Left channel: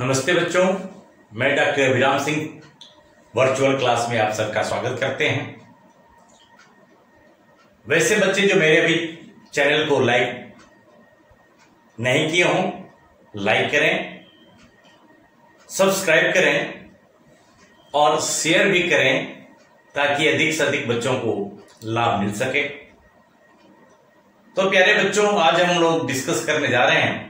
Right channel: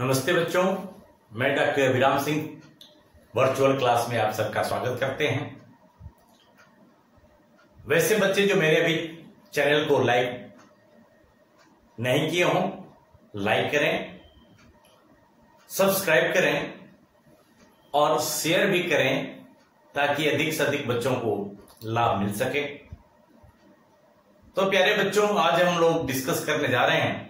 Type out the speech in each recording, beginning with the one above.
नमस्ते बच्चों, मैं डॉक्टर अभिराम सिंह वर्चुअल क्लास में आप सबका स्वागत करते हैं। वैसे बच्चे जो मेरे अभी चैनल को लाइक नहीं किए हों, लाइक करें, सब्सक्राइब करें और शेयर भी करें ताकि अधिक से अधिक बच्चों को लाभ मिल सके। तो प्यारे बच्चों, आज हम लोग डिस्कस करने जा रहे हैं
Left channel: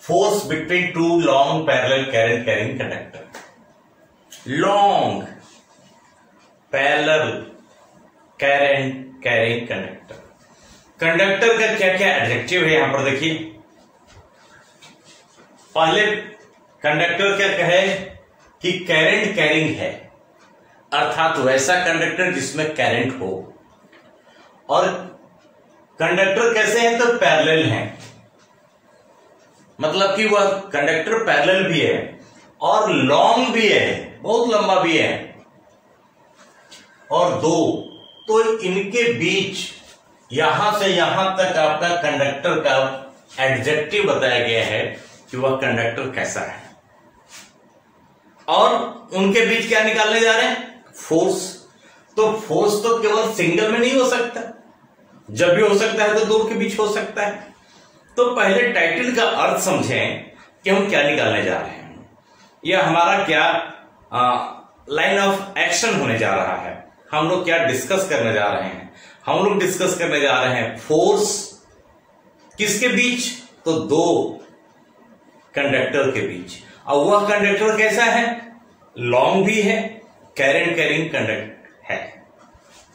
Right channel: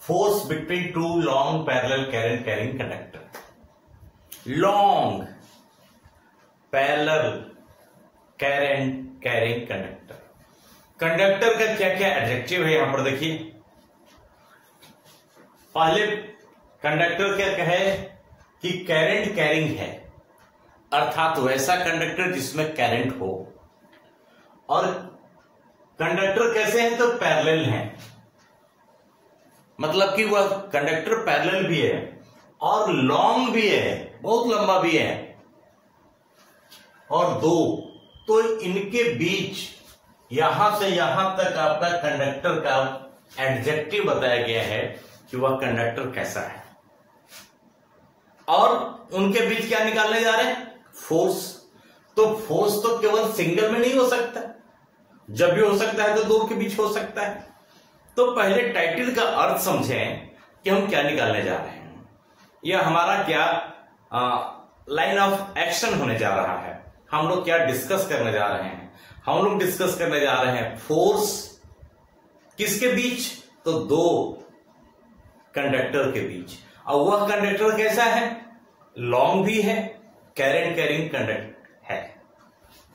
force between two long parallel current carrying conductor. Long parallel current carrying conductor. Conductor का क्या क्या एडजेक्टिव है यहां पर देखिए। पहले कंडक्टर क्या कहे कि करंट कैरिंग है, अर्थात वैसा कंडक्टर जिसमें करंट हो। और कंडक्टर कैसे हैं तो पैरेलल हैं, मतलब कि वह कंडक्टर पैरेलल भी है और लॉन्ग भी है, बहुत लंबा भी है। और दो, तो इनके बीच यहां से यहां तक आपका कंडक्टर का एडजेक्टिव बताया गया है कि वह कंडक्टर कैसा है। और उनके बीच क्या निकालने जा रहे हैं? फोर्स। तो फोर्स तो केवल सिंगल में नहीं हो सकता, जब भी हो सकता है तो दो के बीच हो सकता है। तो पहले टाइटल का अर्थ समझें कि हम क्या निकालने जा रहे हैं, यह हमारा क्या लाइन ऑफ एक्शन होने जा रहा है, हम लोग क्या डिस्कस करने जा रहे हैं। हम लोग डिस्कस करने जा रहे हैं फोर्स किसके बीच, तो दो कंडक्टर के बीच। और वह कंडक्टर कैसा है? लॉन्ग भी है, करंट कैरिंग कंडक्टर है।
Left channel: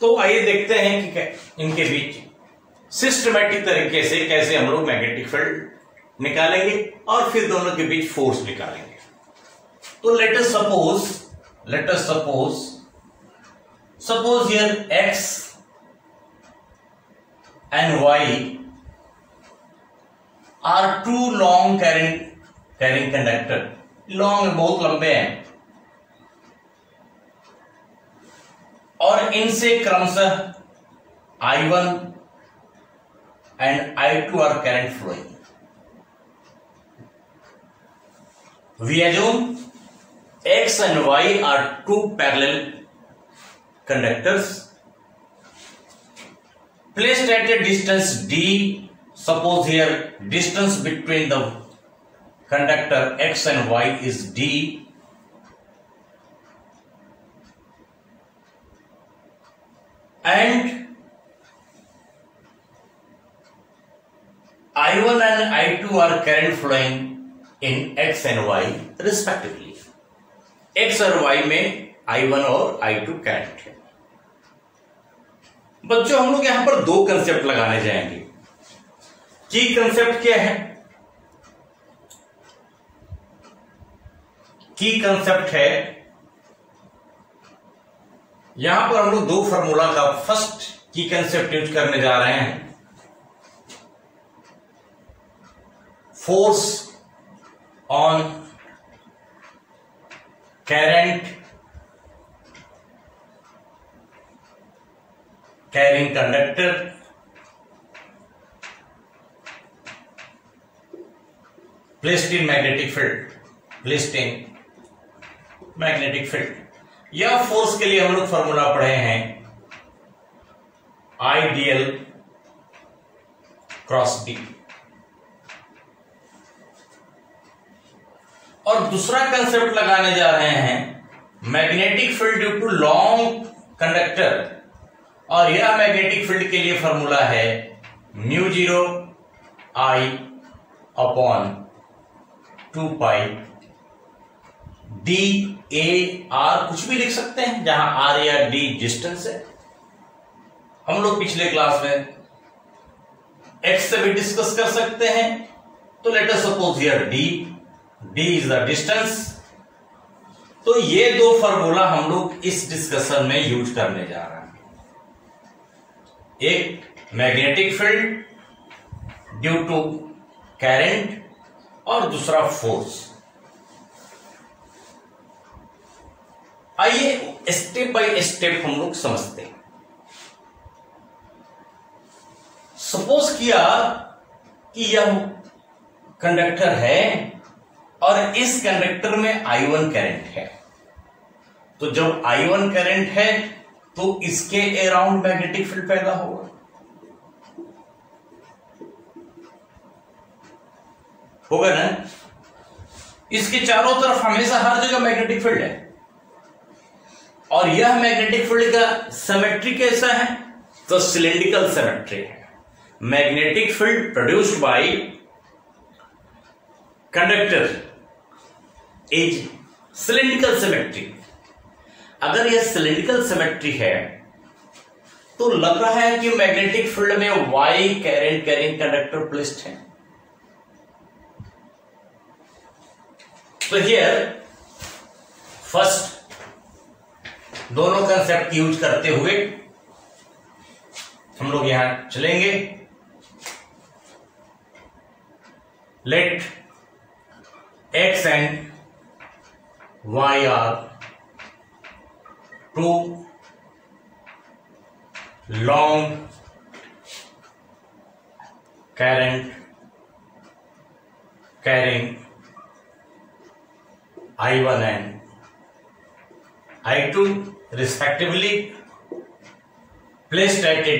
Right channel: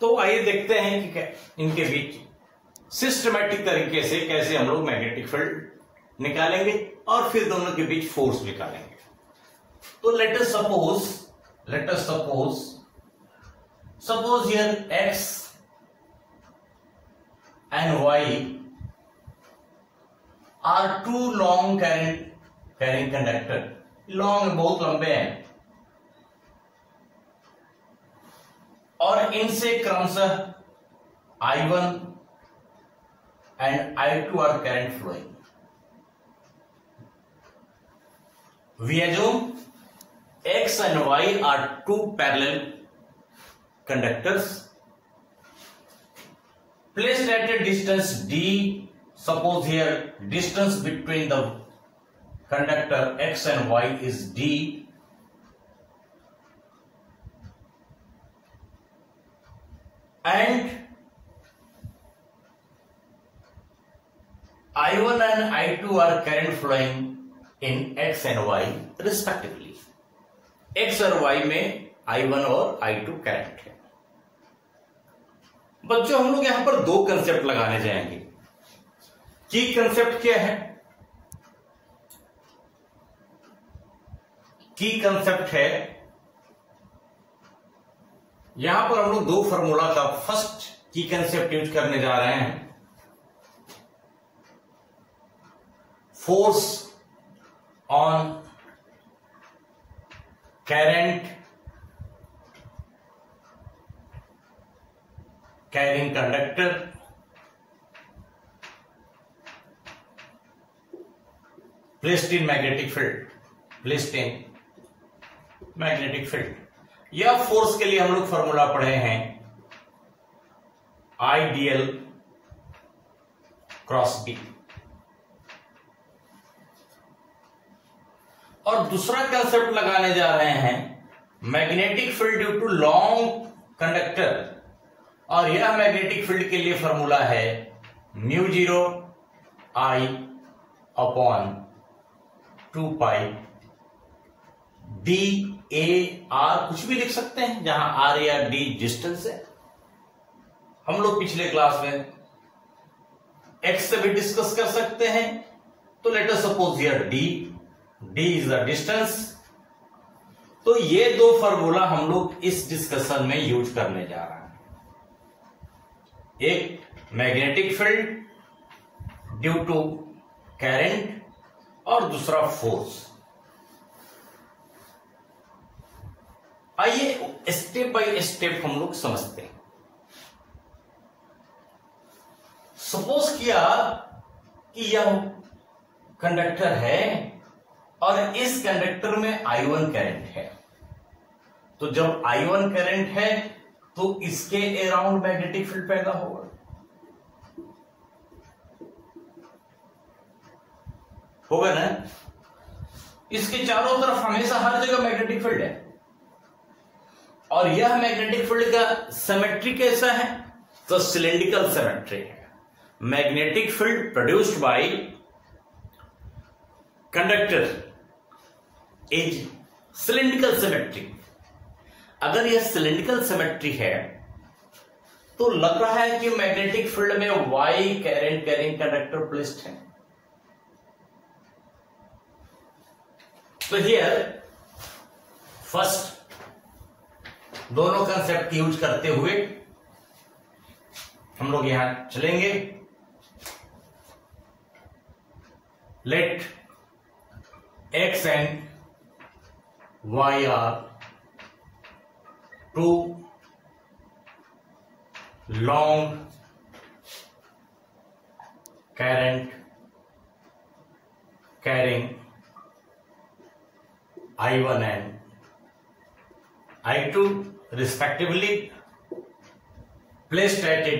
तो आइए देखते हैं कि इनके बीच सिस्टमैटिक तरीके से कैसे हम लोग मैग्नेटिक फील्ड निकालेंगे और फिर दोनों के बीच फोर्स निकालेंगे। तो let us suppose here X and Y are two long carrying conductor. Long बहुत लंबे हैं और इनसे क्रमशः I1 and I2 are current flowing. We assume X and Y are two parallel conductors placed at a distance d. Suppose here distance between the conductor X and Y is d, and I1 and I2 are current flowing in X and Y respectively. X और Y में I1 और I2 current है। बच्चों, हम लोग यहां पर दो कंसेप्ट लगाने जाएंगे। की कंसेप्ट क्या है? की कंसेप्ट है, यहां पर हम लोग दो फॉर्मूला का फर्स्ट की कंसेप्ट यूज करने जा रहे हैं। Force on current carrying conductor placed in magnetic field. यह फोर्स के लिए हम लोग फॉर्मूला पढ़े हैं आईडीएल क्रॉस डी। और दूसरा कंसेप्ट लगाने जा रहे हैं magnetic field due to long conductor. और यह मैग्नेटिक फील्ड के लिए फॉर्मूला है mu 0 I upon 2 pi D A R. कुछ भी लिख सकते हैं, जहां आर या डी डिस्टेंस है। हम लोग पिछले क्लास में एक्स से भी डिस्कस कर सकते हैं। तो let us suppose here D is the distance। तो ये दो फॉर्मूला हम लोग इस डिस्कशन में यूज करने जा रहे हैं। एक magnetic field due to current और दूसरा फोर्स। आइए स्टेप बाय स्टेप हम लोग समझते हैं। सपोज किया कि यह कंडक्टर है और इस कंडक्टर में I1 करंट है, तो जब I1 करंट है तो इसके अराउंड मैग्नेटिक फील्ड पैदा होगा ना। इसके चारों तरफ हमेशा हर जगह मैग्नेटिक फील्ड है और यह मैग्नेटिक फील्ड का सिमेट्री कैसा है, तो सिलिंड्रिकल सिमेट्री है। Magnetic field produced by conductor is cylindrical symmetry. अगर यह सिलिंड्रिकल सिमेट्री है तो लग रहा है कि मैग्नेटिक फील्ड में Y current carrying conductor placed है। तो हियर फर्स्ट दोनों कंसेप्ट यूज करते हुए हम लोग यहां चलेंगे। Let X and Y are two long current carrying I1 and I2 respectively placed at a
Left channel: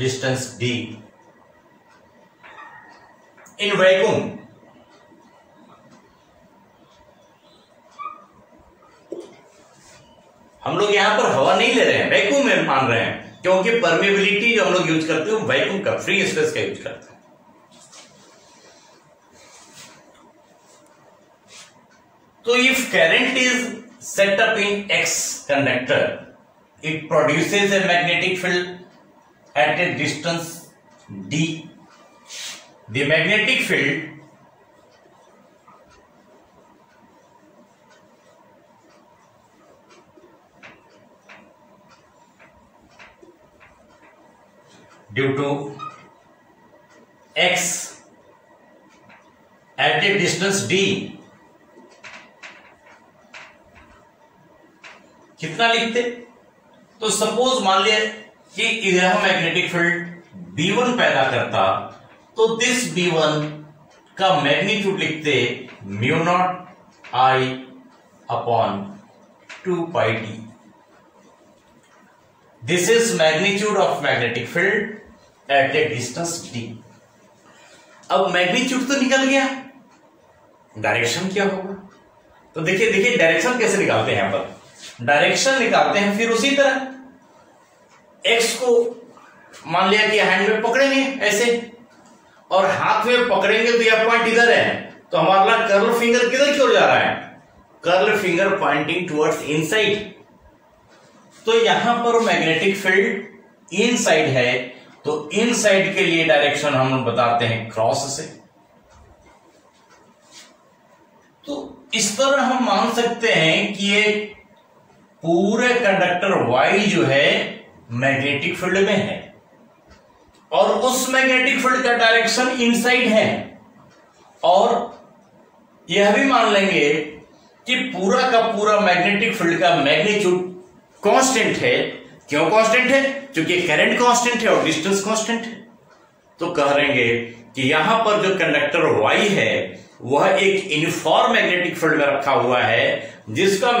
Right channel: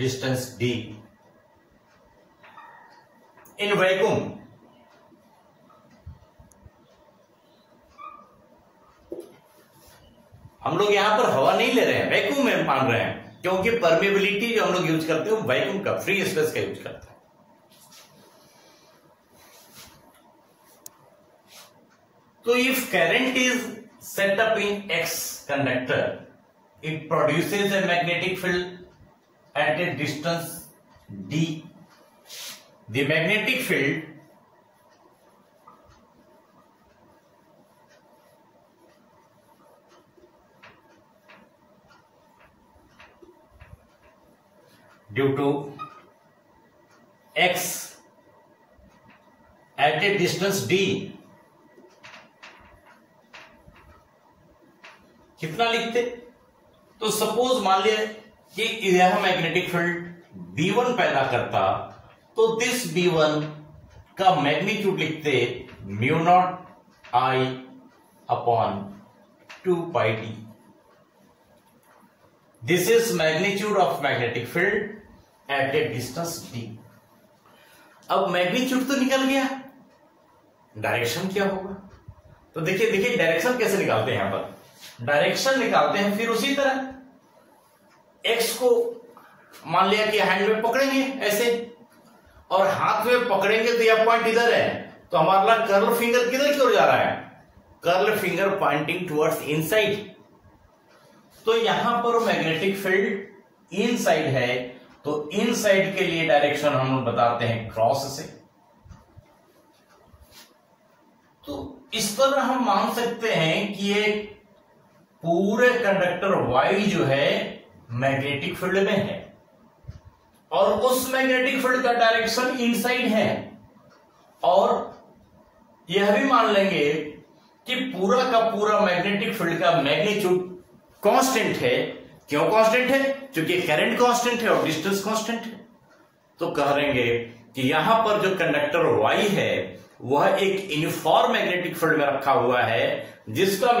distance d in vacuum। हम लोग यहां पर हवा नहीं ले रहे हैं, वैक्यूम में मान रहे हैं, क्योंकि परमेबिलिटी जो हम लोग यूज करते हैं वैक्यूम का, फ्री स्पेस का यूज करते हैं। So if current is set up in X conductor, it produces a magnetic field at a distance d. The magnetic field due to X at a distance d कितना लिखते, तो suppose मान लिया कि यह मैग्नेटिक फील्ड B1 पैदा करता, तो दिस B1 का मैग्नीट्यूड लिखते mu naught I upon 2 pi d। This is magnitude of magnetic field at A distance d। अब मैग्नीट्यूड तो निकल गया, डायरेक्शन क्या होगा, तो देखिए डायरेक्शन कैसे निकालते हैं। यहां पर डायरेक्शन निकालते हैं, फिर उसी तरह एक्स को मान लिया कि हैंड में पकड़ेंगे ऐसे, और हाथ में पकड़ेंगे तो यह पॉइंट इधर है, तो हमारा कर्ल फिंगर किधर की ओर जा रहा है, curl finger pointing towards inside. तो यहां पर मैग्नेटिक फील्ड इनसाइड है, तो इनसाइड के लिए डायरेक्शन हम लोग बताते हैं क्रॉस से। तो इस तरह हम मान सकते हैं कि ये पूरे कंडक्टर Y जो है मैग्नेटिक फील्ड में है और उस मैग्नेटिक फील्ड का डायरेक्शन इनसाइड है, और यह भी मान लेंगे कि पूरा का पूरा मैग्नेटिक फील्ड का मैग्नीट्यूड कांस्टेंट है। क्यों कांस्टेंट है, क्योंकि करंट कांस्टेंट है और डिस्टेंस कांस्टेंट है। तो कह लेंगे कि यहां पर जो कंडक्टर Y है वह एक यूनिफॉर्म मैग्नेटिक फील्ड में रखा हुआ है, जिसका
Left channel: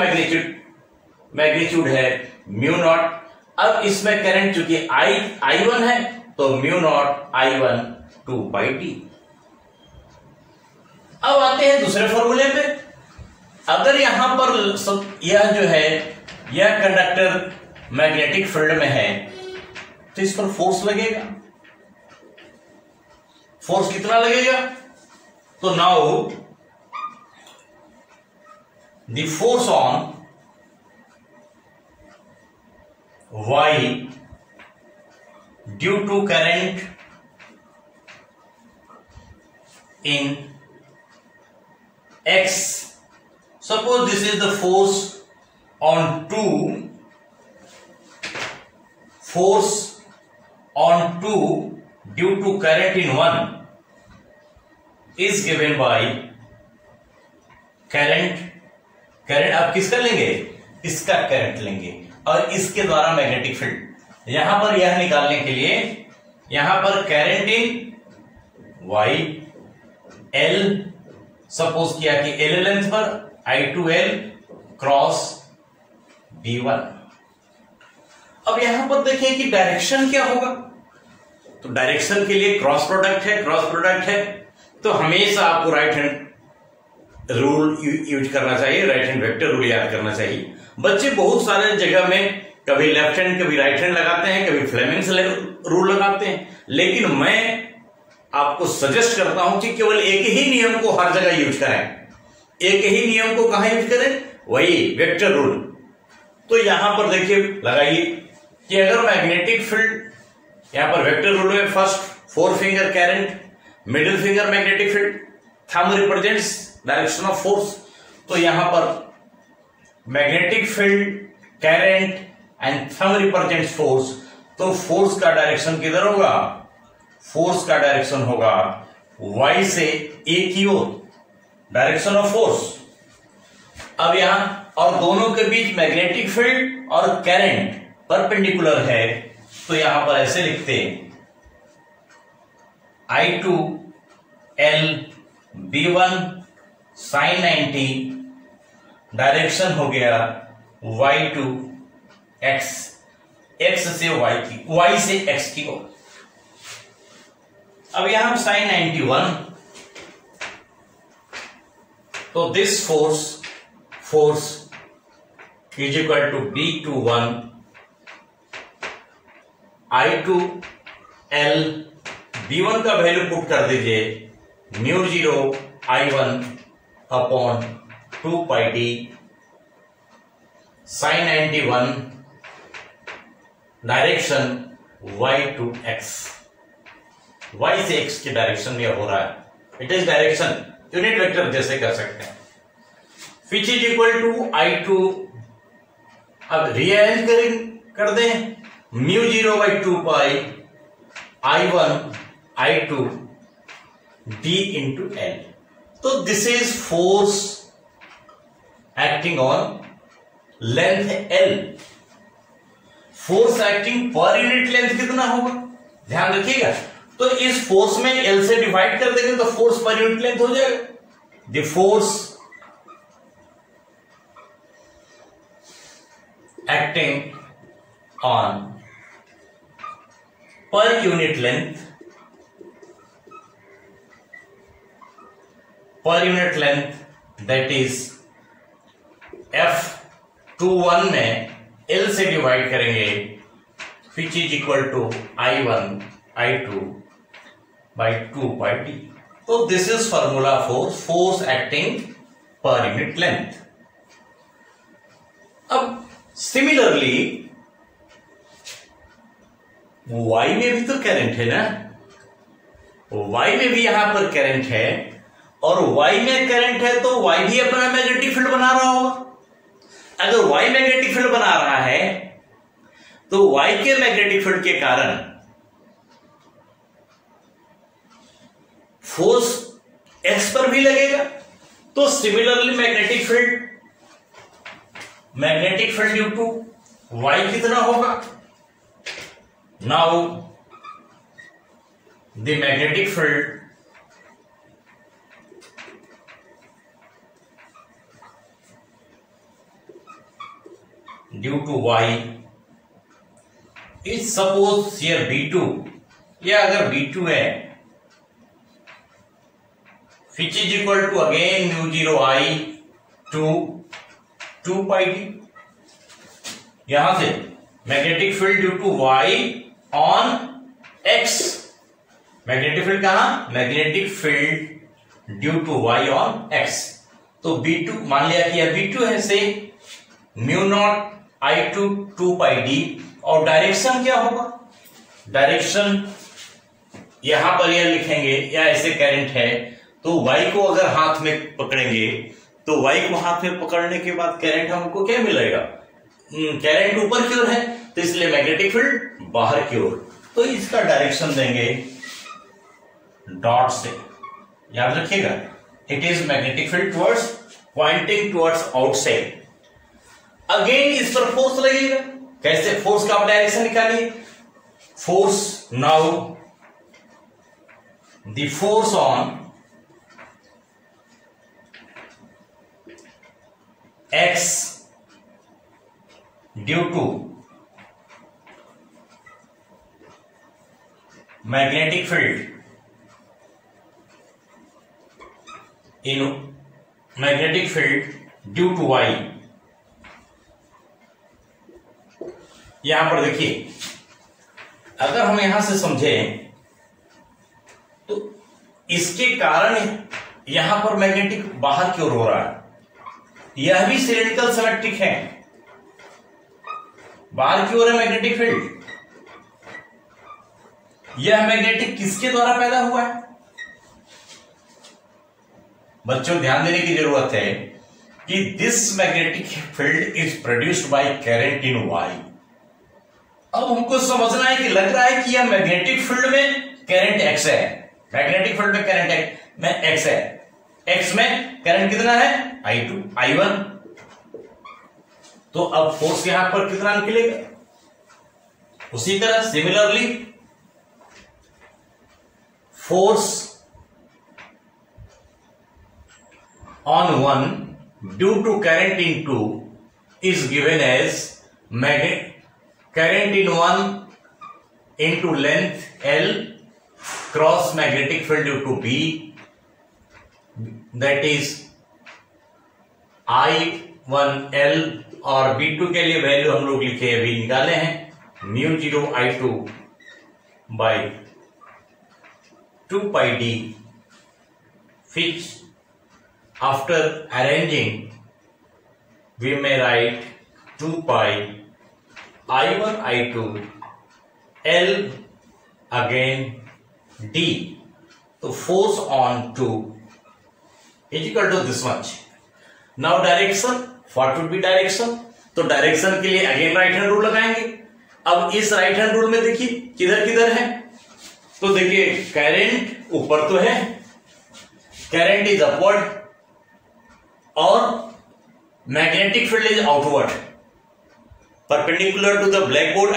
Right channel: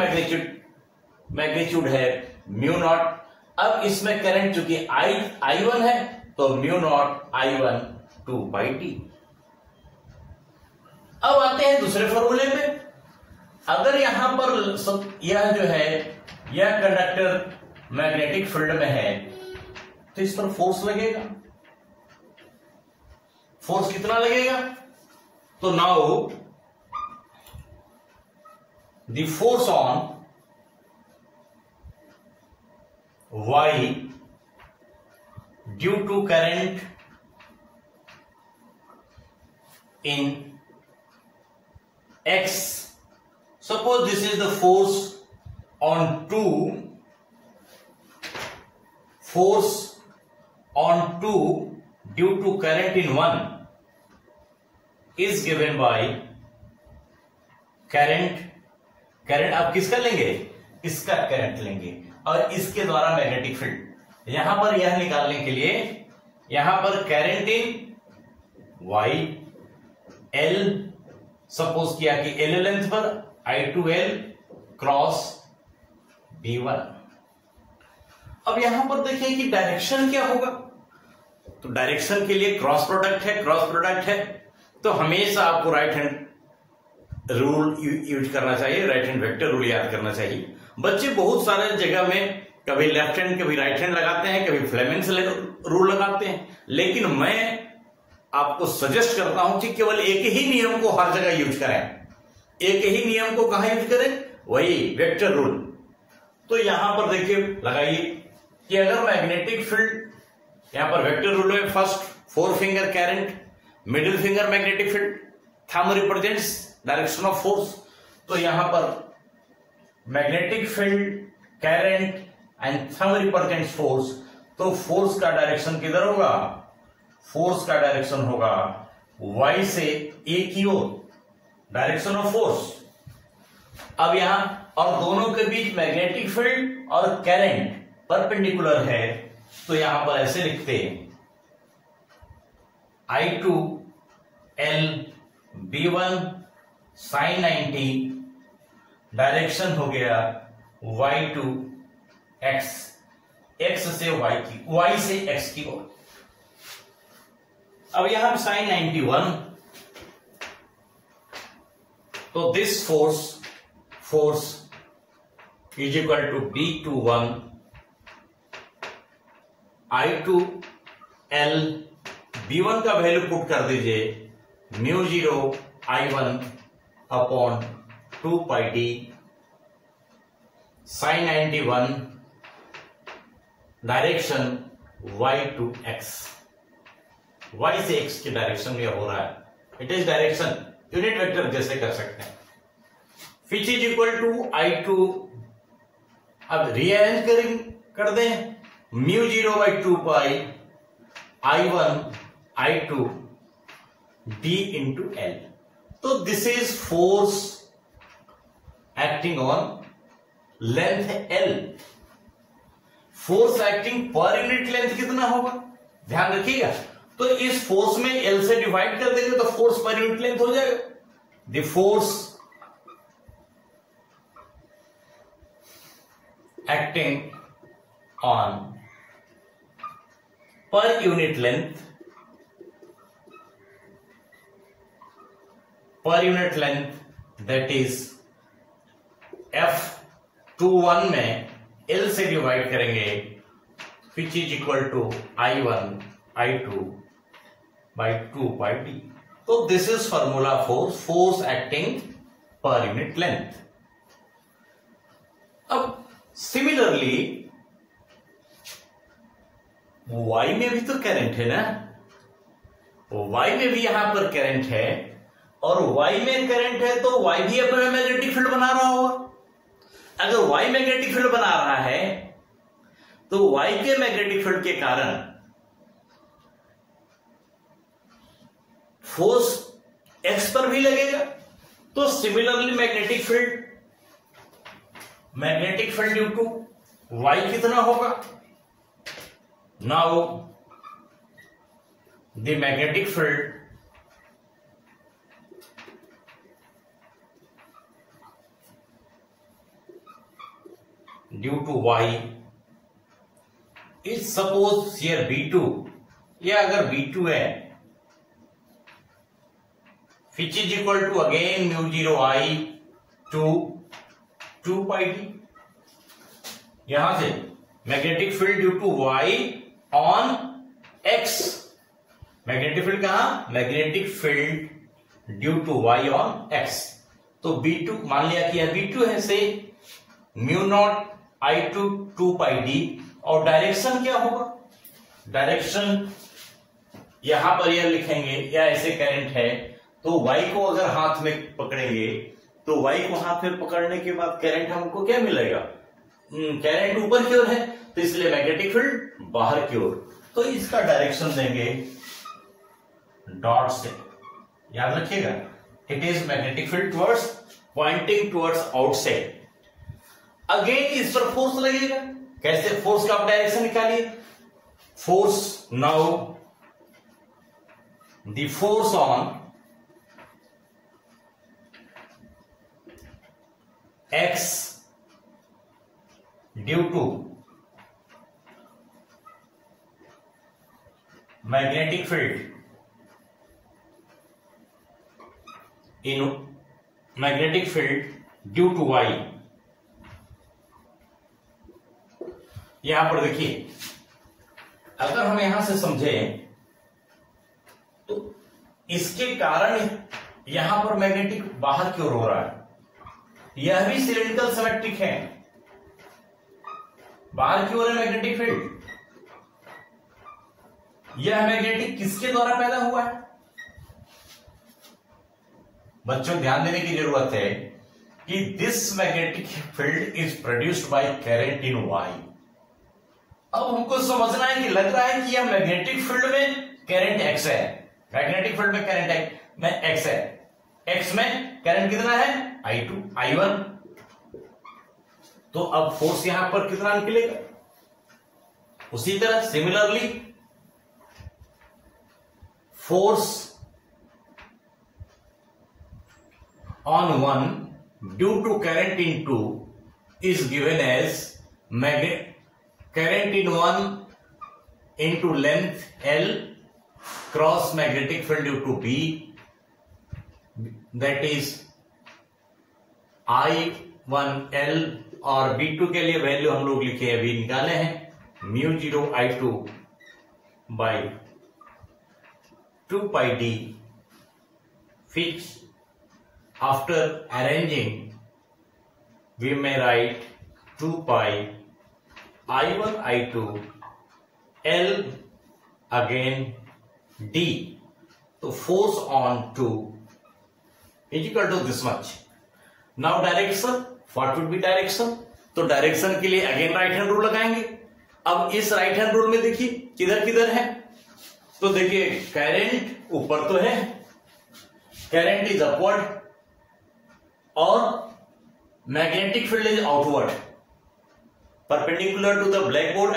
मैग्नीट्यूड है म्यू नॉट। अब इसमें करंट चूंकि I1 है तो mu naught I1 2 pi d। अब आते हैं दूसरे फॉर्मूले पे। अगर यहां पर यह जो है यह कंडक्टर मैग्नेटिक फील्ड में है तो इस पर फोर्स लगेगा। फोर्स कितना लगेगा, तो now the force on Y due to current in X, suppose this is the force on 2, force on 2 due to current in 1 is given by current आप किसका लेंगे, इसका करंट लेंगे और इसके द्वारा मैग्नेटिक फील्ड। यहां पर यह निकालने के लिए यहां पर current in Y L suppose किया कि एल लेंथ पर I2L क्रॉस B1। अब यहां पर देखें कि डायरेक्शन क्या होगा, तो डायरेक्शन के लिए क्रॉस प्रोडक्ट है तो हमेशा आपको राइट हैंड रूल यूज करना चाहिए, राइट हैंड वेक्टर रूल याद करना चाहिए। बच्चे बहुत सारे जगह में कभी लेफ्ट हैंड कभी राइट हैंड लगाते हैं, कभी फ्लेमिंग्स रूल लगाते हैं, लेकिन मैं आपको सजेस्ट करता हूं कि केवल एक ही नियम को हर जगह यूज करें। एक ही नियम को कहां यूज करें, वही वेक्टर रूल। तो यहां पर देखिए लगाइए कि अगर मैग्नेटिक फील्ड, यहां पर वेक्टर रूल में first 4 finger current, middle finger magnetic field, thumb represents direction of force. तो यहां पर magnetic field, current and thumb represents force. तो फोर्स का डायरेक्शन किधर होगा, फोर्स का डायरेक्शन होगा y से a की ओर, डायरेक्शन ऑफ फोर्स। अब यहां और दोनों के बीच मैग्नेटिक फील्ड और करंट परपेंडिकुलर है, तो यहां पर ऐसे लिखते हैं I2L B1 sin 90, डायरेक्शन हो गया Y2 X, X से Y से X की ओर। अब यहां हम sin 91, तो this force is equal to B21 I2L B1 का वैल्यू पुट कर दीजिए μ0 I1 upon 2 pi d sin 91 direction y to x, y से x की डायरेक्शन में हो रहा है, it is direction unit vector जैसे कर सकते हैं, विच इज इक्वल टू I2। अब रीअरेंज कर दें μ0 by 2 pi I1 I2 d into L। तो this is force acting on length L। Force acting per unit length कितना होगा, ध्यान रखिएगा। तो इस फोर्स में L से डिवाइड कर देंगे तो फोर्स पर यूनिट लेंथ हो जाएगा। The force acting on per unit length, that is F21 में L से डिवाइड करेंगे, which is equal to I1 I2 by 2 pi d। तो this is formula for force acting per unit length. अब similarly y में भी तो current है ना, y में भी यहां पर करंट है, और y में करंट है तो y भी अपना मैग्नेटिक फील्ड बना रहा होगा। अगर y मैग्नेटिक फील्ड बना रहा है तो y के मैग्नेटिक फील्ड के कारण फोर्स x पर भी लगेगा। तो similarly magnetic field due to y कितना होगा, now the magnetic field due to y is suppose here B2, या अगर B2 है which is equal to again μ0 I to 2 pi d। यहां से magnetic field due to y on x, magnetic field कहां, magnetic field due to y on x। तो B2 मान लिया कि यह B2 है, से μ0 I to 2 पाई d, और डायरेक्शन क्या होगा, डायरेक्शन यहां पर यह लिखेंगे, या ऐसे करंट है तो y को अगर हाथ में पकड़ेंगे तो y को हाथ में पकड़ने के बाद करंट हमको क्या मिलेगा, करंट ऊपर की ओर है तो इसलिए मैग्नेटिक फील्ड बाहर की ओर। तो इसका डायरेक्शन देंगे डॉट से, याद रखिएगा it is magnetic field towards Poynting towards outside. Again इस पर फोर्स लगेगा, कैसे, फोर्स का आप डायरेक्शन निकालिए, force Now the force on X due to magnetic field in magnetic field due to Y, यहां पर देखिए, अगर हम यहां से समझें तो इसके कारण यहां पर मैग्नेटिक बाहर की ओर हो रहा है, यह भी सिलेंड्रिकल सिमेट्रिक है, बाहर की ओर है मैग्नेटिक फील्ड। यह मैग्नेटिक किसके द्वारा पैदा हुआ है? बच्चों ध्यान देने की जरूरत है कि this magnetic field is produced by current in Y. अब हमको समझना है कि लग रहा है कि यह मैग्नेटिक फील्ड में करंट एक्स है, मैग्नेटिक फील्ड में करंट एक्स है, एक्स में करंट कितना है? I2 I1। तो अब फोर्स यहां पर कितना निकलेगा? उसी तरह similarly force on 1 due to current in 2 is given as current in 1 into length L cross magnetic field due to B, that is I1L, और B2 के लिए वैल्यू हम लोग लिखे अभी निकाले हैं, μ0 I2 by 2 pi d, which after arranging we may write 2 pi I1 I2 L again D. तो force on 2 is equal to this much. Now direction, what would be direction? तो डायरेक्शन के लिए अगेन राइट हैंड रूल लगाएंगे। अब इस right hand rule में देखिए किधर किधर है, तो देखिए करंट ऊपर तो है, करंट इज अपवर्ड और magnetic field is outward, perpendicular to the blackboard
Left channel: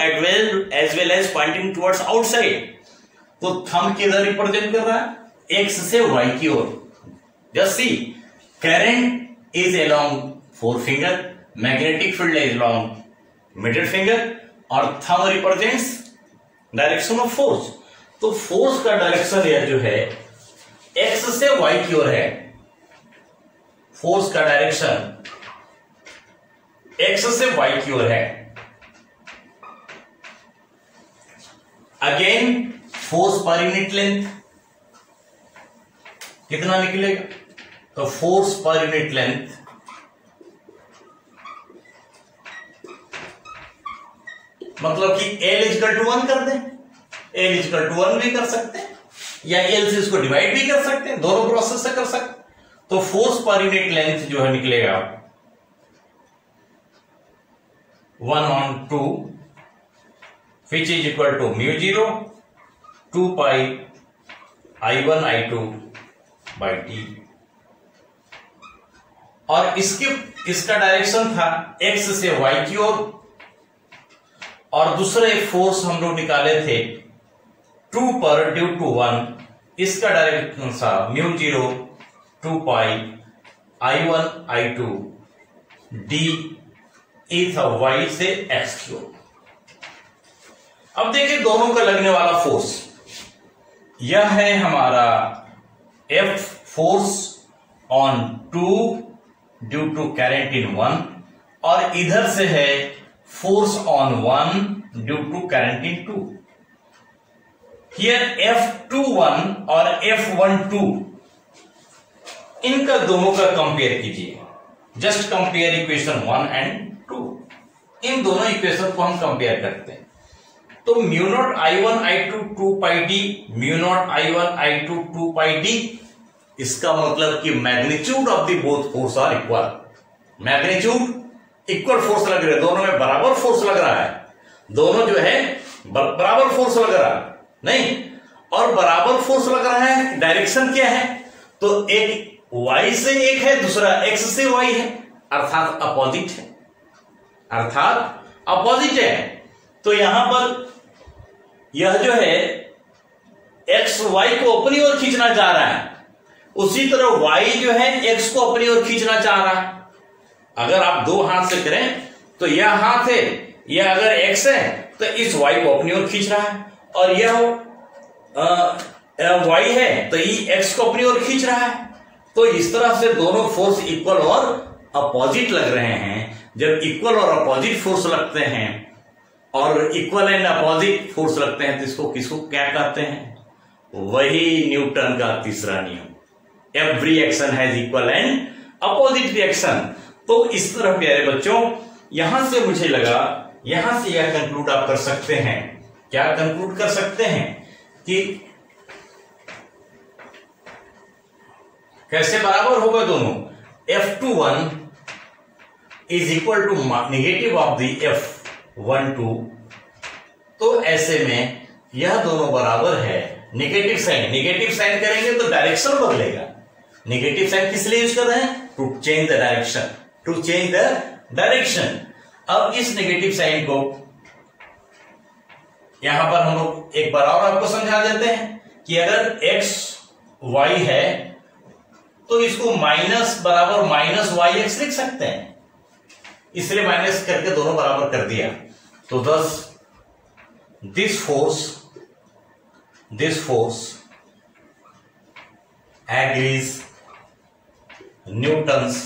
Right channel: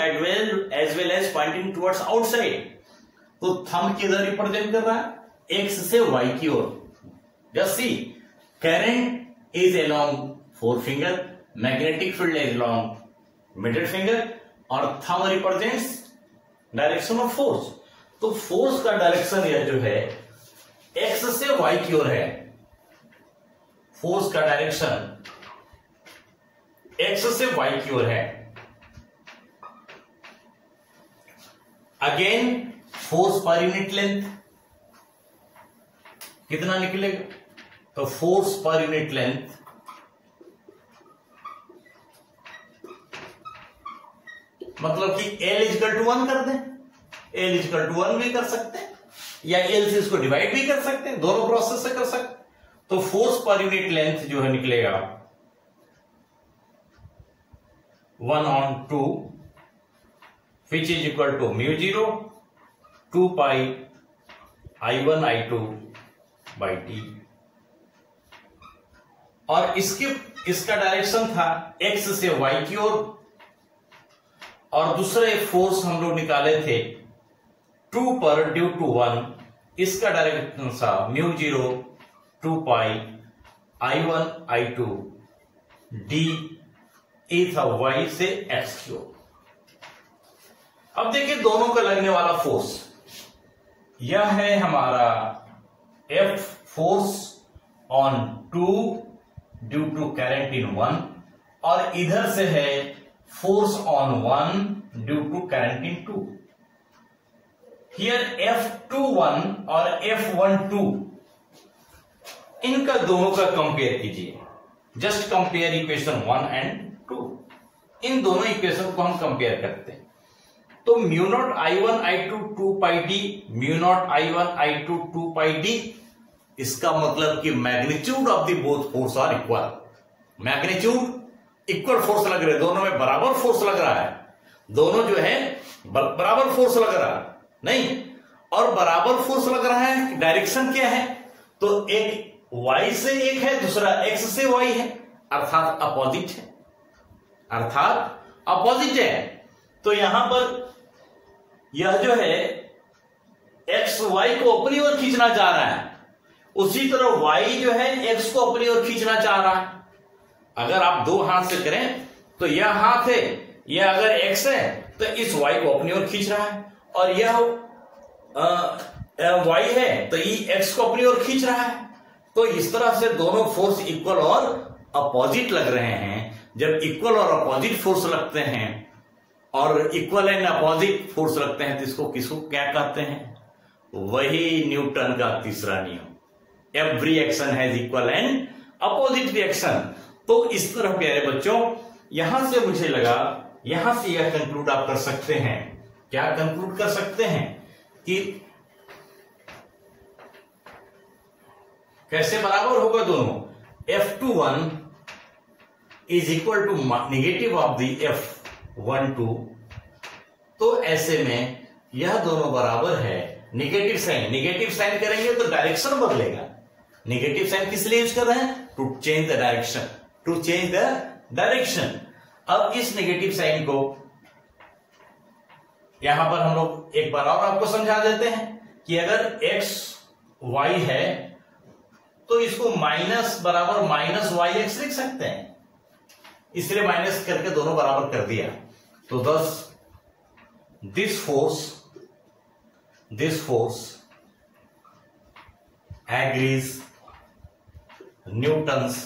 as well as pointing towards outside. तो थंब किधर रिप्रेजेंट कर रहा है? एक्स से वाई की ओर। Just see, current is along forefinger, magnetic field is along middle finger, और thumb represents direction of force. तो फोर्स का डायरेक्शन यह जो है एक्स से वाई की ओर है, फोर्स का डायरेक्शन एक्स से वाई की ओर है। अगेन फोर्स पर यूनिट लेंथ कितना निकलेगा? तो फोर्स पर यूनिट लेंथ मतलब कि L इक्वल टू 1 कर दें, L इक्वल टू 1 भी कर सकते हैं, या L से इसको डिवाइड भी कर सकते हैं, दोनों प्रोसेस से कर सकते हैं। तो फोर्स पर यूनिट लेंथ जो है निकलेगा 1/2 which is equal to μ0 2 pi I1 I2 by d। और इसका डायरेक्शन था x से y की ओर, और दूसरे फोर्स हम लोग निकाले थे 2 पर ड्यू टू 1, इसका डायरेक्शन था μ0 2 pi I1 I2 d ई था y से x की ओर। अब देखिए दोनों का लगने वाला फोर्स, यह है हमारा F force on 2 due to current in 1, और इधर से है force on 1 due to current in 2। Here F21 और F12, इनका दोनों का कंपेयर कीजिए, जस्ट कंपेयर इक्वेशन 1 एंड 2। इन दोनों इक्वेशन को हम कंपेयर करते हैं, तो μ0 I1 I2 2 pi d, μ0 I1 I2 2 pi d, इसका मतलब कि magnitude of the both force are equal. Magnitude equal force लग रहा है, दोनों में बराबर फोर्स लग रहा है, दोनों जो है बराबर फोर्स लग रहा है नहीं, और बराबर फोर्स लग रहा है। डायरेक्शन क्या है? तो एक y से एक है, दूसरा x से y है, अर्थात अपोजिट है, अर्थात अपोजिट है। तो यहां पर यह जो है एक्स वाई को अपनी ओर खींचना चाह रहा है, उसी तरह वाई जो है एक्स को अपनी ओर खींचना चाह रहा है। अगर आप दो हाथ से करें तो यह हाथ है, यह अगर एक्स है तो इस वाई को अपनी ओर खींच रहा है, और यह वाई है तो ये एक्स को अपनी ओर खींच रहा है। तो इस तरह से दोनों फोर्स इक्वल और अपोजिट लग रहे हैं। जब इक्वल और अपोजिट फोर्स लगते हैं और इक्वल एंड अपोजिट फोर्स लगते हैं तो इसको किसको क्या कहते हैं? वही न्यूटन का तीसरा नियम, every action has equal and opposite reaction. तो इस तरह प्यारे बच्चों, यहां से मुझे लगा, यहां से यह कंक्लूड आप कर सकते हैं। क्या कंक्लूड कर सकते हैं कि कैसे बराबर होगा दोनों? F21 is equal to negative of the F12। तो ऐसे में यह दोनों बराबर है। नेगेटिव साइन करेंगे तो डायरेक्शन बदलेगा। नेगेटिव साइन किस लिए यूज कर रहे हैं? To change the direction, to change the direction. अब इस नेगेटिव साइन को यहां पर हम लोग एक बार और आपको समझा देते हैं कि अगर एक्स वाई है तो इसको माइनस बराबर माइनस वाई एक्स लिख सकते हैं, इसलिए माइनस करके दोनों बराबर कर दिया। तो thus this force agrees Newton's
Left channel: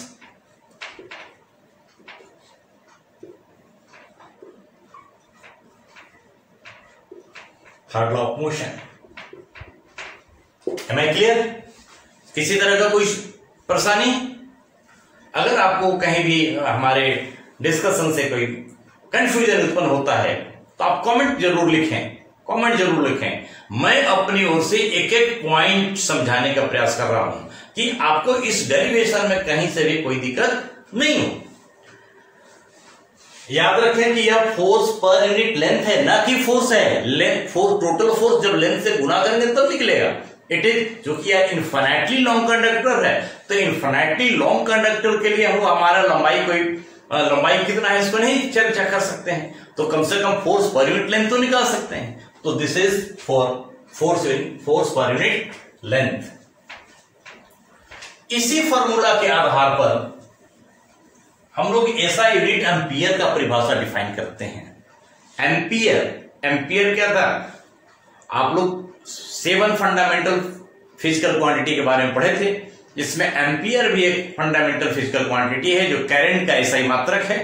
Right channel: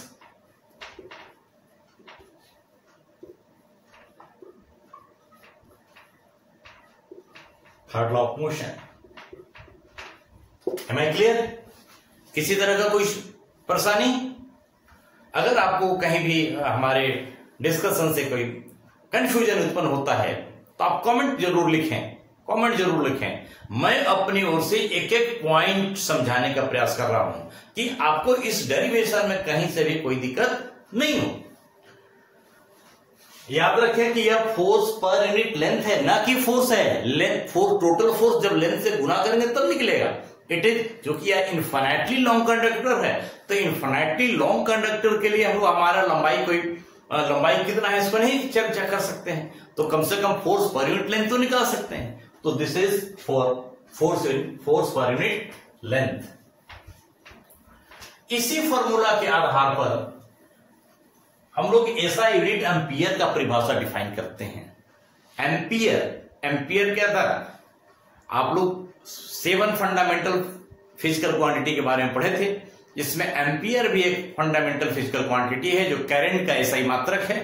third law of motion. Am I clear? किसी तरह का कोई परेशानी? अगर आपको कहीं भी हमारे डिस्कशन से कोई कंफ्यूजन उत्पन्न होता है तो आप कमेंट जरूर लिखें। मैं अपनी ओर से एक एक पॉइंट समझाने का प्रयास कर रहा हूं कि आपको इस डेरिवेशन में कहीं से भी कोई दिक्कत नहीं हो। याद रखें कि यह फोर्स पर यूनिट लेंथ है, ना कि फोर्स है। टोटल फोर्स जब लेंथ से गुना करेंगे तब निकलेगा। इट इज, जो कि यह इन्फिनिटली लॉन्ग कंडक्टर है, तो इन्फिनिटली लॉन्ग कंडक्टर के लिए हम हमारा लंबाई कितना है इसको नहीं चर्चा कर सकते हैं, तो कम से कम फोर्स पर यूनिट लेंथ तो निकाल सकते हैं। तो दिस इज फॉर फोर्स पर यूनिट लेंथ। इसी फॉर्मूला के आधार पर हम लोग ऐसा यूनिट एम्पियर का परिभाषा डिफाइन करते हैं। एम्पियर क्या था? आप लोग 7 फंडामेंटल फिजिकल क्वांटिटी के बारे में पढ़े थे, जिसमें एम्पियर भी एक फंडामेंटल फिजिकल क्वांटिटी है जो करंट का एसआई मात्रक है।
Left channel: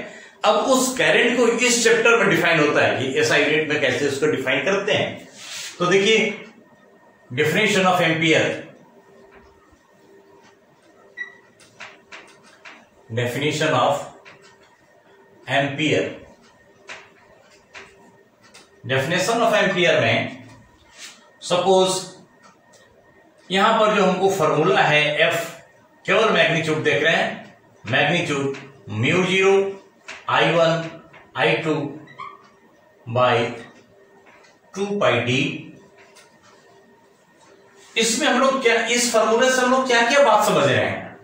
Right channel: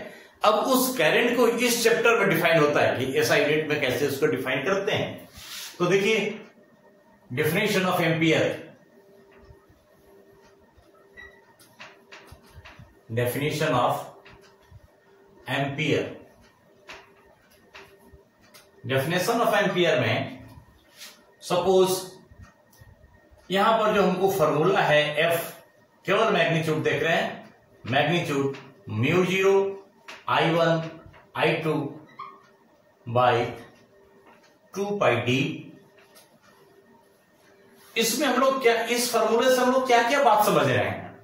अब उस करंट को इस चैप्टर में डिफाइन होता है कि एसआई यूनिट में कैसे उसको डिफाइन करते हैं। तो देखिए, definition of ampere, definition of ampere में सपोज यहां पर जो हमको फॉर्मूला है एफ, केवल मैग्नीट्यूड देख रहे हैं, magnitude μ0 I1 I2 by 2πd। इसमें हम लोग क्या, इस फॉर्मूले से हम लोग क्या क्या बात समझ रहे हैं?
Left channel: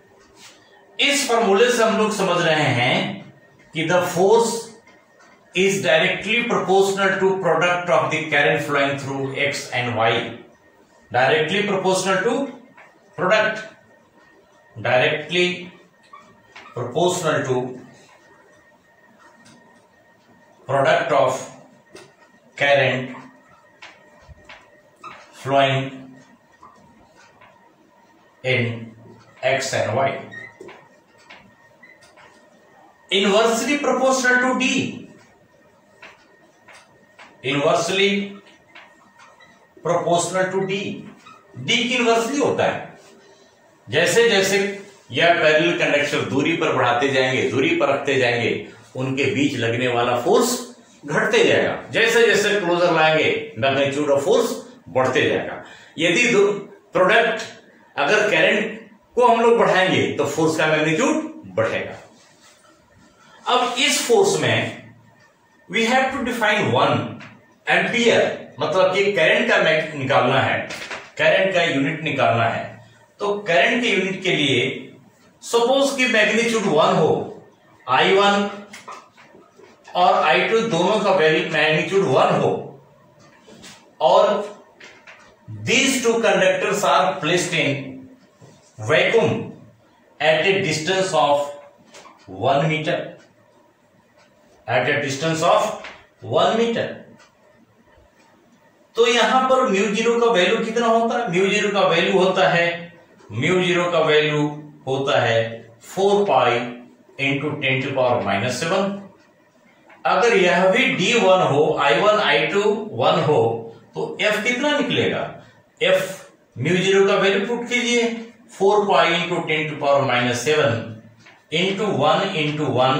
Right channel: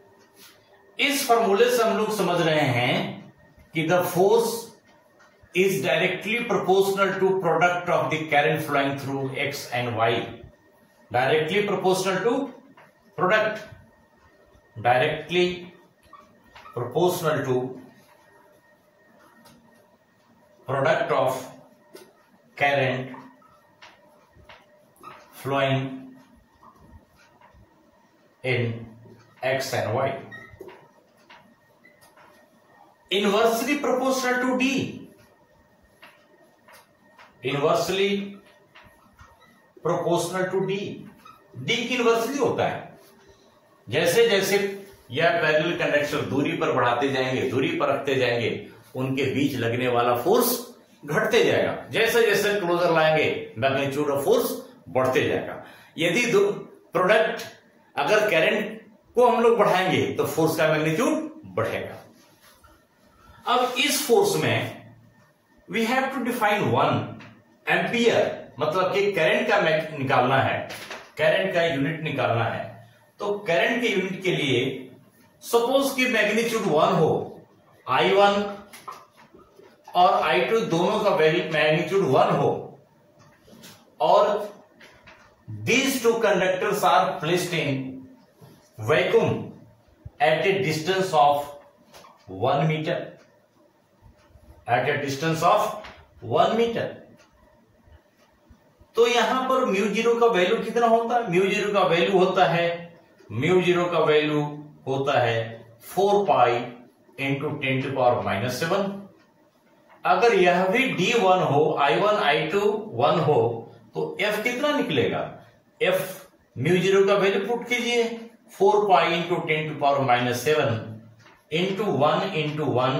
इस फॉर्मूले से हम लोग समझ रहे हैं कि the force is directly proportional to product of the current flowing through X and Y. Directly proportional to product. Directly proportional to product of current flowing in X and Y. Inversely proportional to D. Inversely proportional to D. D की inversely होता है। जैसे जैसे यह parallel conductor दूरी पर बढ़ाते जाएंगे, दूरी पर रखते जाएंगे, उनके बीच लगने वाला फोर्स घटते जाएगा। जैसे जैसे क्लोजर लाएंगे मैग्नीट्यूड ऑफ फोर्स बढ़ते जाएगा। यदि प्रोडक्ट अगर करंट को हम लोग बढ़ाएंगे तो फोर्स का मैग्नीट्यूड बढ़ेगा। अब इस फोर्स में we have to define one ampere, मतलब कि करंट का निकालना है, करंट का यूनिट निकालना है। तो करंट के यूनिट के लिए सपोज कि मैग्नीट्यूड 1 हो, I1 और I2 दोनों का मैग्नीट्यूड 1 हो, और these two conductors are placed in vacuum at a distance of 1 meter. At a distance of 1 meter. तो यहां पर म्यू जीरो का वैल्यू कितना होता है? म्यू जीरो का वैल्यू होता है 4 पाई इंटू 10⁻⁻⁷। अगर यह भी D1 हो, I1 I2 1 हो, तो F कितना निकलेगा? F म्यू जीरो का वैल्यू पुट कीजिए 4 pi into 10⁻⁷ into 1 into 1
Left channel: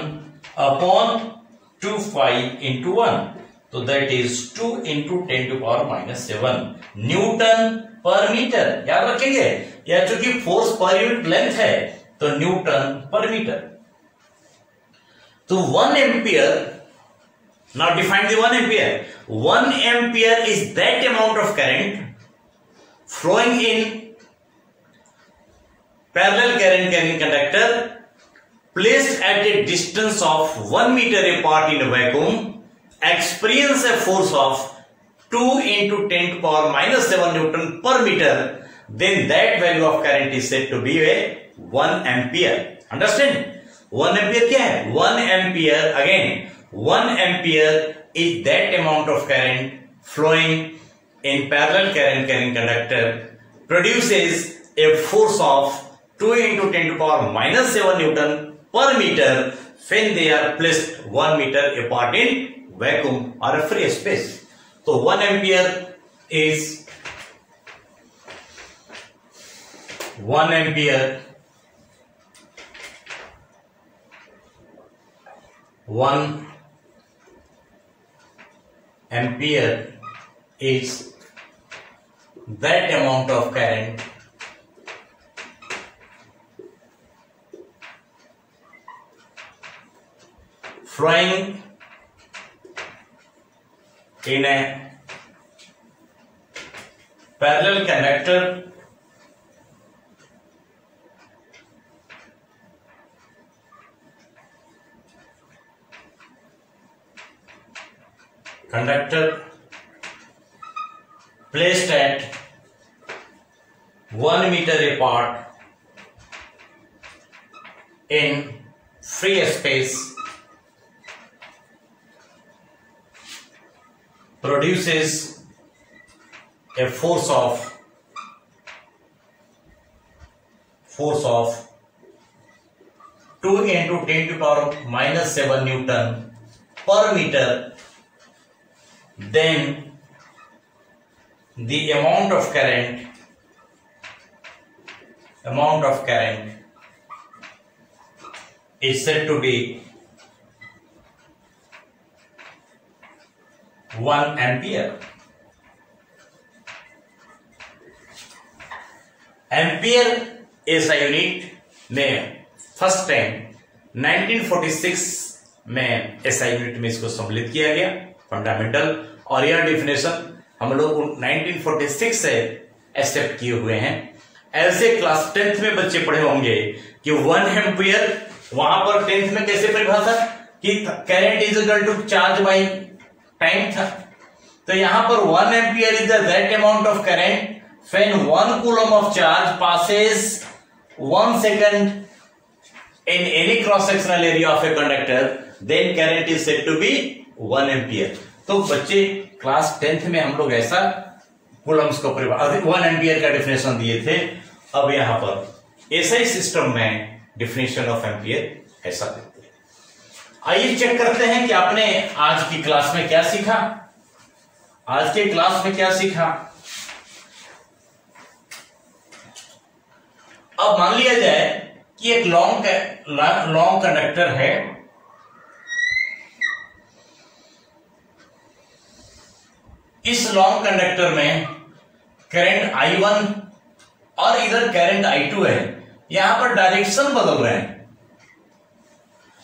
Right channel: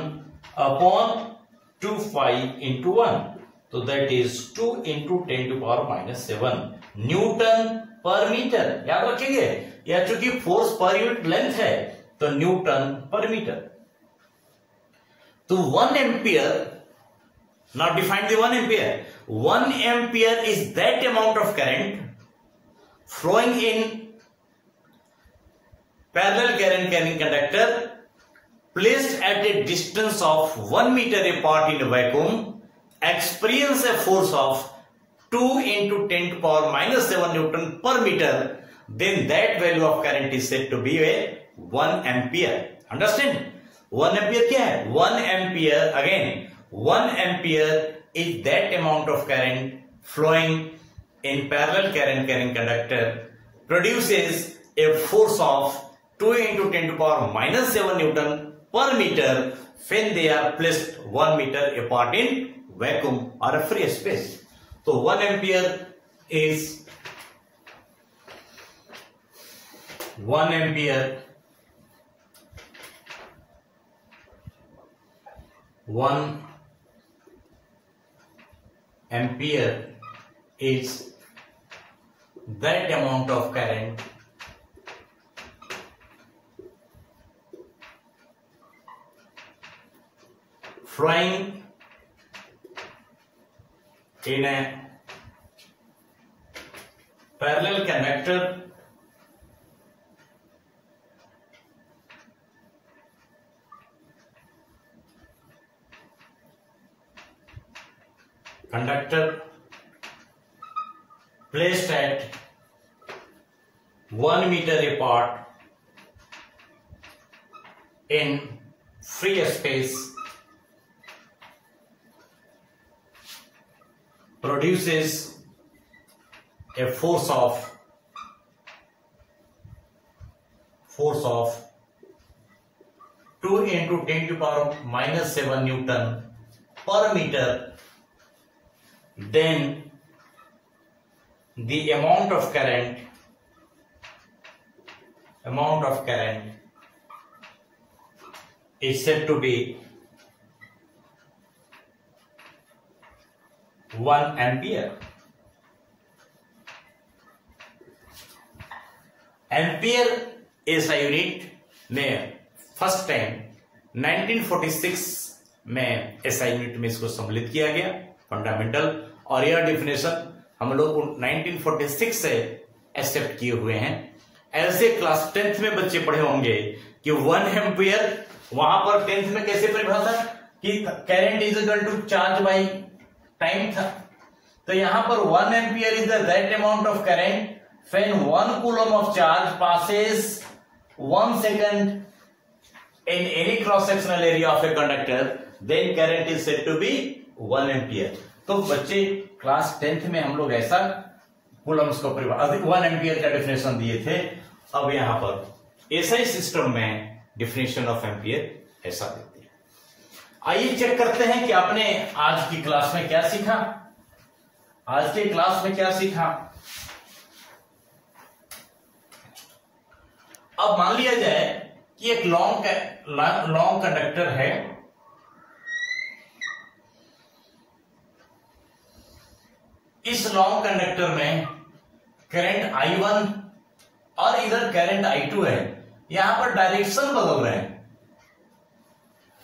upon 2 pi into 1, तो दैट इज 2 इंटू 10⁻⁷ न्यूटन पर मीटर। याद रखेंगे, यह चूंकि फोर्स पर यूनिट लेंथ है तो न्यूटन पर मीटर। तो 1 ampere, now define the 1 ampere. 1 ampere is that amount of current flowing in parallel current carrying conductor placed at a distance of 1 meter apart in a vacuum experience a force of 2 into 10⁻⁷ Newton per meter, then that value of current is said to be a 1 ampere. Understand? 1 ampere क्या है? 1 ampere again 1 ampere is that amount of current flowing in parallel current carrying conductor produces a force of 2 into 10⁻⁷ Newton per meter when they are placed 1 meter apart in vacuum or a free space. So 1 ampere is 1 ampere 1 ampere is that amount of current flowing in a parallel conductor placed at 1 meter apart in free space produces a force of 2 into 10⁻⁷ Newton per meter, then the amount of current is said to be 1 ampere. Ampere ऐसा unit में first time 1946 में ऐसा unit में इसको सम्मिलित किया गया fundamental, और यह डिफिनेशन हम लोग 1946 से एक्सेप्ट किए हुए हैं। ऐसे क्लास 10th में बच्चे पढ़े होंगे कि 1 एम्पियर वहां पर 10th में कैसे परिभाषा कि current is equal to charge by time था। तो यहां पर 1 ampere is that amount of current when 1 coulomb of charge passes 1 second in any cross sectional area of a conductor, then current is said to be 1 ampere. तो बच्चे class 10th में हम लोग ऐसा कूलम्स को 1 एम्पियर का definition दिए थे। अब यहां पर ऐसा ही सिस्टम में डिफिनेशन ऑफ एम्पियर ऐसा देते हैं। आइए चेक करते हैं कि आपने आज की क्लास में क्या सीखा। आज के क्लास में क्या सीखा? अब मान लिया जाए कि एक लॉन्ग कंडक्टर है, इस लॉन्ग कंडक्टर में करंट I1 और इधर करंट I2 है। यहां पर डायरेक्शन बदल रहे हैं।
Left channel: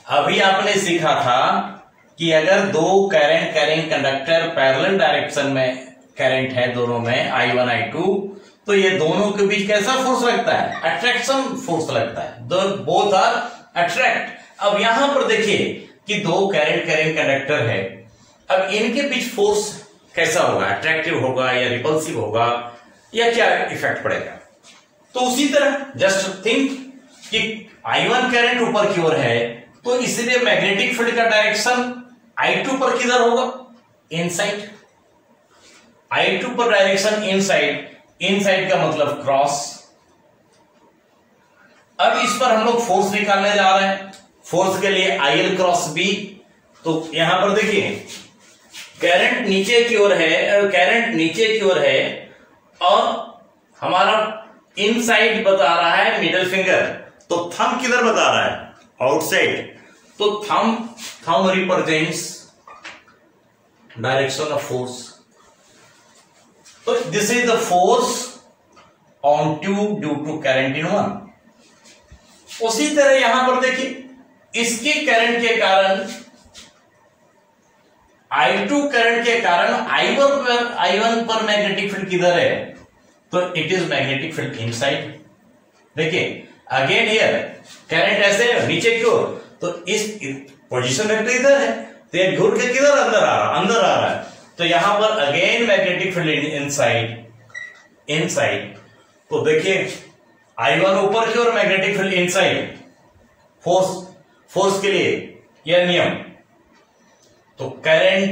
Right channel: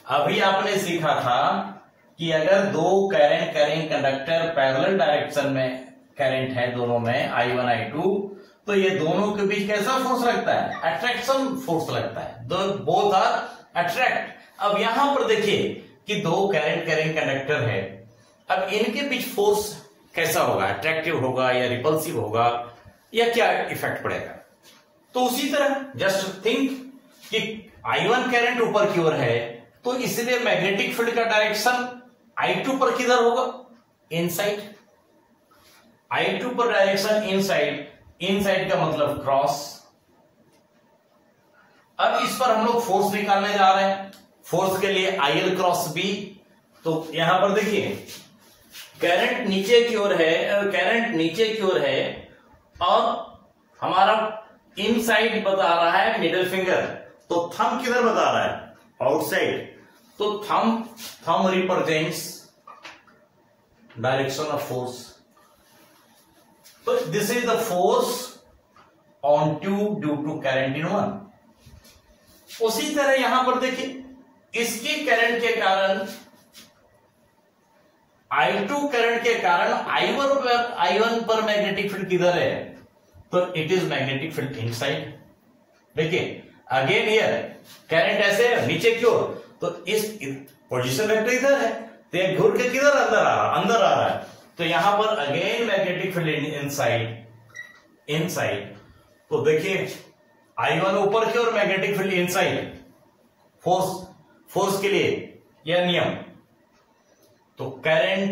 अभी आपने सीखा था कि अगर दो current carrying conductor parallel direction में करंट है, दोनों में I1 I2, तो ये दोनों के बीच कैसा फोर्स लगता है? अट्रैक्शन फोर्स लगता है। Both are attract. अब यहां पर देखिए कि दो करंट कैरिंग कंडक्टर है, अब इनके बीच फोर्स कैसा होगा, अट्रैक्टिव होगा या रिपल्सिव होगा या क्या इफेक्ट पड़ेगा। तो उसी तरह जस्ट थिंक कि I1 करंट ऊपर की ओर है तो इसलिए मैग्नेटिक फील्ड का डायरेक्शन I2 पर किधर होगा, इनसाइड। I2 पर डायरेक्शन इनसाइड, इनसाइड का मतलब क्रॉस। अब इस पर हम लोग फोर्स निकालने जा रहे हैं। फोर्स के लिए IL क्रॉस B। तो यहां पर देखिए करंट नीचे की ओर है, करंट नीचे की ओर है और हमारा इनसाइड बता रहा है मिडिल फिंगर, तो थंब किधर बता रहा है, आउटसाइड। तो thumb represents direction of force. तो this is the force on tube due to current in 1। उसी तरह यहां पर देखिए इसके करंट के कारण, I2 करंट के कारण I1 पर मैग्नेटिक फील्ड किधर है, तो it is magnetic field inside. देखिए अगेन हियर करंट ऐसे है नीचे की ओर, तो इस पोजीशन वेक्टर इधर है तो ये घूर के किधर अंदर आ रहा है। तो यहां पर अगेन मैग्नेटिक फील्ड इनसाइड। तो देखिए I1 ऊपर की ओर, मैग्नेटिक फील्ड इनसाइड। फोर्स के लिए यह नियम, तो करंट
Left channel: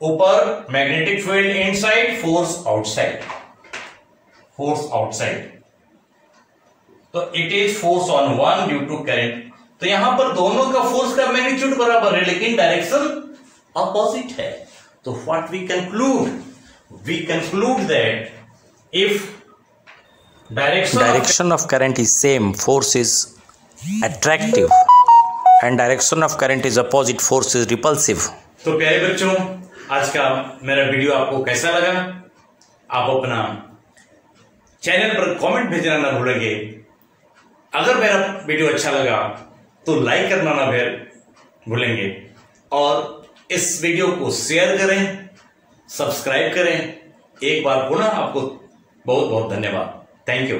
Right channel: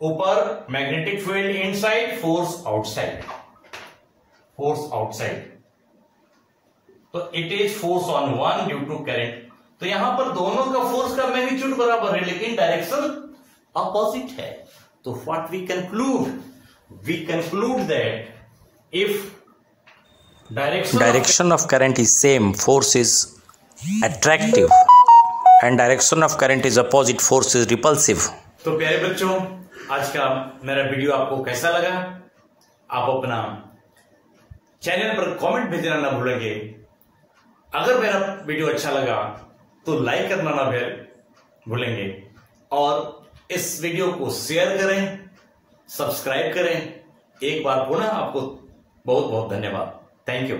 ऊपर, magnetic field inside, force outside. तो it is force on 1 due to current. तो यहां पर दोनों का फोर्स का मैग्नीट्यूड बराबर है लेकिन डायरेक्शन अपोजिट है। तो what we conclude that if direction of current is same, force is attractive, and direction of current is opposite, force is repulsive. तो प्यारे बच्चों, आज का मेरा वीडियो आपको कैसा लगा? आप अपना चैनल पर कमेंट भेजना ना भूलेंगे। अगर मेरा वीडियो अच्छा लगा तो लाइक करना ना भूलेंगे और इस वीडियो को शेयर करें, सब्सक्राइब करें। एक बार पुनः आपको बहुत बहुत धन्यवाद। Thank you.